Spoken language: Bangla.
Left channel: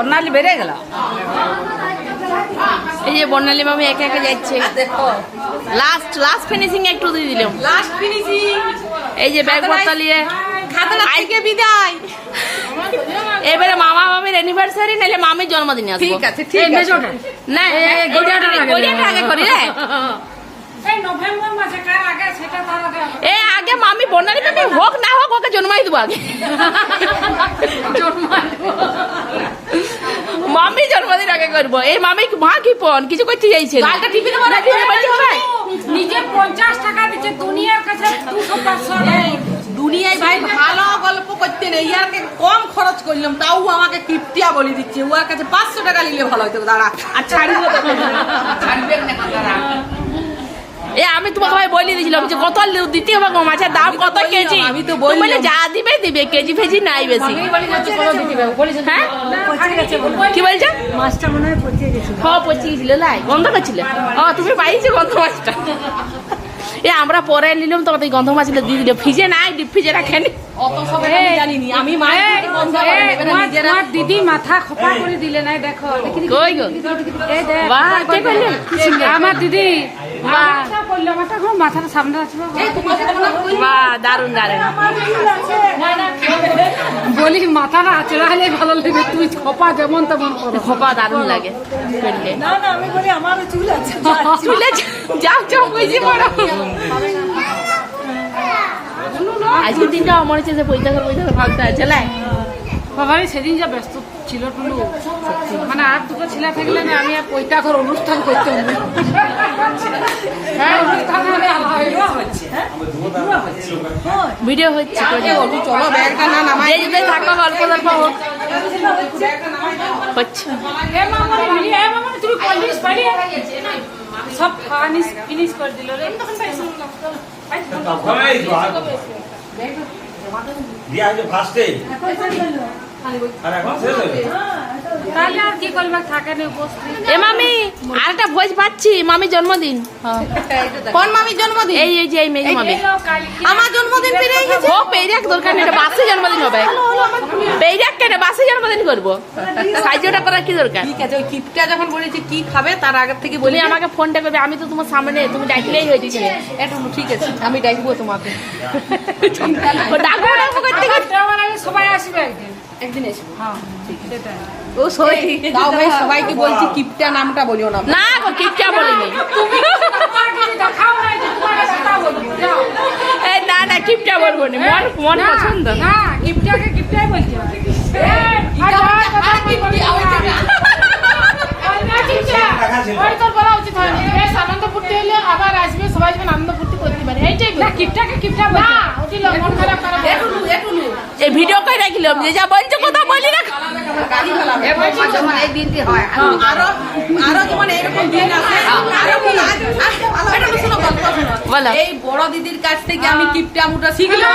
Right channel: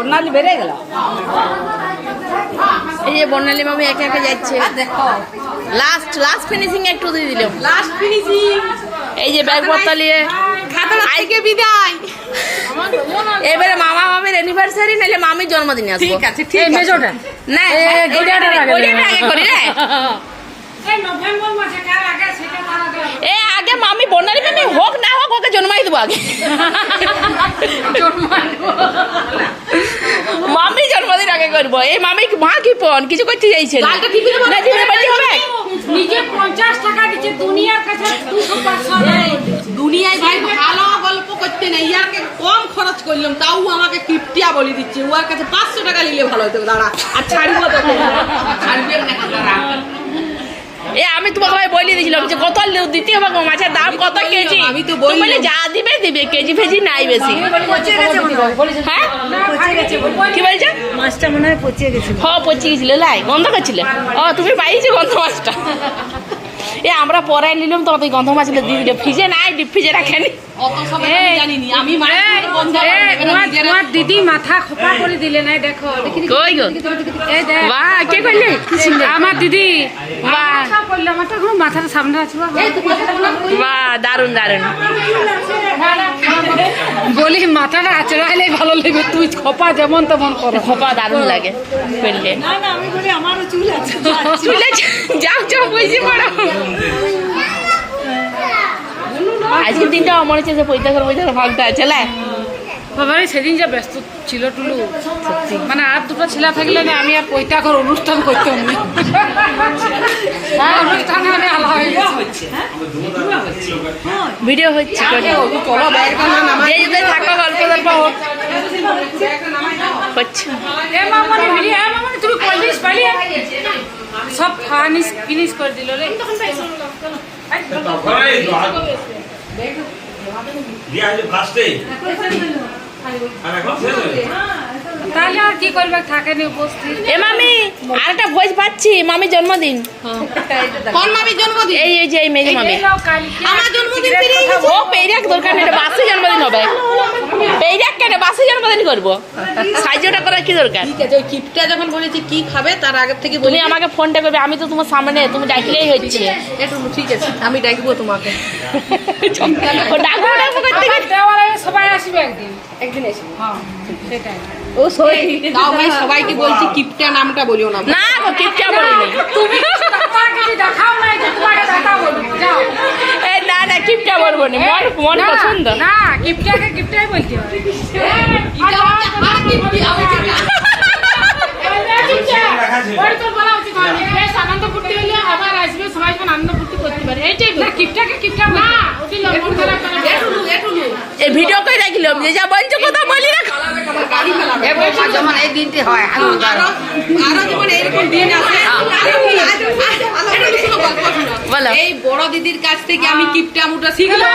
বর্ণালী বেড়ে গেল। এই যে বর্ণালী মামি একে একে যাচ্ছে। দেখো লাস্ট ফিনিশিং একটু দিয়ে দিলাম। Last finishing. এই যে ব্যাগ পত্র নিয়ে আজকে বিদায়। এবারে মামা মামির অ্যানিভার্সারি নাহলে মামির জন্মদিনে আসবো। ঠিক আছে, ঠিক আছে। না গড়িয়াটা আগে করি রে। এ আগে মামি বর্ণালী মামি হোক না হোক ওকে জন্মাই দেবো আগে। মামি জন্মদিন আগে করবো। এই মামি মা কি পন কিছু করতে চাইছে না। নিজে 50 টাকা দিচ্ছে দুনিয়ার কাছে 200 দুনিয়ায় ভাই ভালো গল্প করতে নেই, ইয়ারকে কম খরচ করলাম তাও আমাকে কিপটিয়া বলে দিচ্ছে। ওর কাছে 500 টাকা নিলে ভালো হতো। দাঁড়া আর ছাড়িব দেখো, ছাড়বে না দাঁড়া। এ আমি তোমাকে ভাই বলে দিয়েছিলাম যে কত দিতে হবে গো, মাছের দাম কত কেজি। আমি তো বললাম বলে যা দিবে দিবে, কেজি ফেজি নাই বেশি। হ্যাঁ কি বলছে? মাছটা মনে হয় পচিয়ে গেছে। হ্যাঁ পচিয়ে গেছিল, লাই গন্ধ করছিলে। ও তুমি পাইছো গন্ধ মাছটা। এ আমরা পরে নিলাম তো গন্ধ মাছগুলো দিয়ে দিল। ফ্রিজে নাই, ডিপ ফ্রিজে রাখেনি। অত সব আমি জানিনি। আমি মাছ বন্ধ করে নেবে না নিজেরা। তোমার দিদি মাথা খোপা করে দিলে নাই দেখো। কই গো? এই দেখ বাহ কে কইলে? আমার দিদি মাথা করলে মাথা ঘুম মাথাটা সামনে আসবে। বাহ দারুন দারুন। বলি মাথাটা আচড়া হলে ভালো লাগবে। তুই খোপা যেমন তেমন করো। খোপা দারুন লাগে ফেললে। না না আমি বলি আমারও চুল আছে। চুলে যাও যাও বুঝি পড়ো। আজকের দিনটা আমার হচ্ছে যে পয়সা করে ভাগটা আছে লাই। বাবারে সেদিন যা ব্যস্ত ছিল টুলু, সত্যি মানে আর দুটো ছেলে থাকলে না আমি আর পয়টা করে অনুষ্ঠান করতাম না। ভিডিও হচ্ছে চলো ব্যাগটা না নামাই। থাকো গল্প গল্প হোক হচ্ছে। তুমি কলিস পারি সব ফিনিশ করে দিল রে। তাহলে আর কি করবে, থাকে নি উপস্থিত। এ মামি আরেকটা ভোজ পাচ্ছি, মামি জন্মদিন। কোন মামির জন্মদিন? এই এই যে এই মেজ মামি। আমার জন্মদিন পেরিয়ে গেছে। ও পেরিয়াক দরকার নেই, বাসে জন্মদিন হবে। পেরিয়াক কেন বাসে জন্মদিন করবো, সাহায্যটা করার কি দরকার? ঠিক আছে, ওই কিপটা যখন বলেছে কি খাবে তার আগের থেকে তুমি আমাকে ফোনটা করবে, আমি তো তোমার সামনে, তুমি ডাকলেই হচ্ছে। একটু ঠিক আছে আমি ডাকবো তোমাকে। ও ডাকবো ডাকবো করতে করতে সবাই আসবে একদিন। একদিন এসো। হ্যাঁ সেটাই। ও সই তাও ভাই সবাইকে বলছি কিপটা নামটা বলিও না। না গো কিপটা বলিনি। তুমি দেখাও নাই যে তোমাকে দেখা বলবো। যাও এ না না কিপটা বলবো না, মন পছন্দ। না গিফটটাকে গিফটটাই বলতে হয়। তোর বলা উচিত হয়নি। বেশ আনন্দ ফুর্তি হলে আবার আসবে, সবাই আনন্দ ফুর্তি করতে পারে। এইটাই না গিফটটাকে গিফটটা না ওটি মন খারাপ করা। এই ভিডিও করে রাখিলাম যে যা বলছো কথা বলি রাখো। যেমন এই দিনটি হয় আরো যেমন এরকম দিন আছে। বলো। এই বড় দিদির কাছ থেকে আমি কিপটা মুটা শিখলাম।